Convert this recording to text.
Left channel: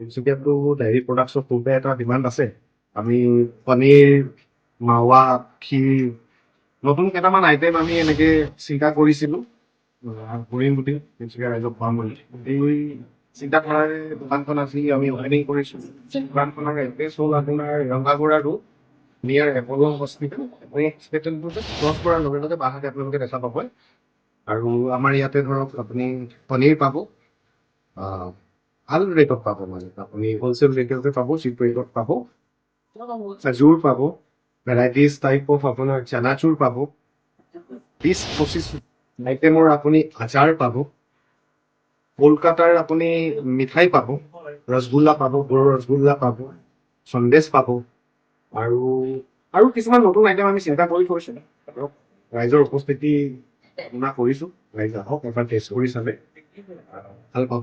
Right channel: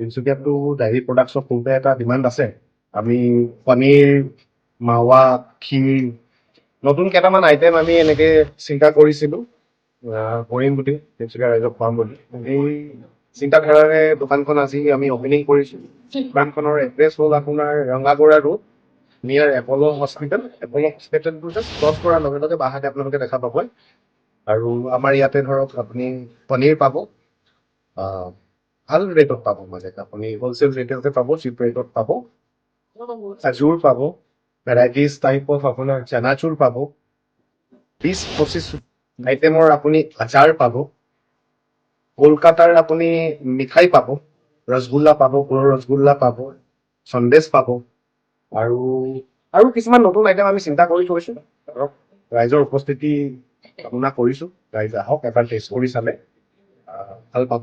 তিনিচুকীয়াতো diary প্ৰডাক্টছৰ পূৰ্বে এটা demand আছে। আমি পনীৰ, মাৱা, ক্ষীৰ, নতুন কেইটামান আইটেম আমি এনেকে চিন্তা কৰিছিলোঁ কৰিম বুলি, তিনিচুকীয়া ৰাইজক খুৱাম বুলি। এই চিন্তাধাৰাৰে দোকানখন আজি আমি অপেনিং কৰিছোঁ। দোকানখনৰ এড্ৰেছ হ'ল আপোনাৰ Rangagora road, near Apollo' hospital. Apollo' হস্পিটেলটো জাষ্ট ক্ৰছ কৰাৰ লগে লগে বাহাতে আপোনালোকে দেখা পাব। আৰু আমাৰ ইয়াতে ধৰক আপুনি পনীৰ পাব, ভাল ৰেটত পাব, মানে আপুনি হোলচেল ৰেটতে পাব, চিপ ৰেটত পাব। খাজুৰ পাব, ভেৰাইটিজ টাইপ অফ আপোনাৰ চানাচুৰ পাব, 20-25 আইটেমৰ আপুনি আচাৰ পাব, কলকাতাৰ আপুনি মিঠাই পাব, ৰসগোল্লা পাব, সৰু ৰসগোল্লা পাব, সন্দেশ পাব, আৰু কিছুমান নতুন আইটেম আমি চিন্তা কৰি থৈছোঁ। ধৰক ৰাইজৰ উপস্থিতি কামনা কৰিছোঁ, ৰাইজ আহক এবাৰ টেষ্ট কৰি চালে ভাল পাব।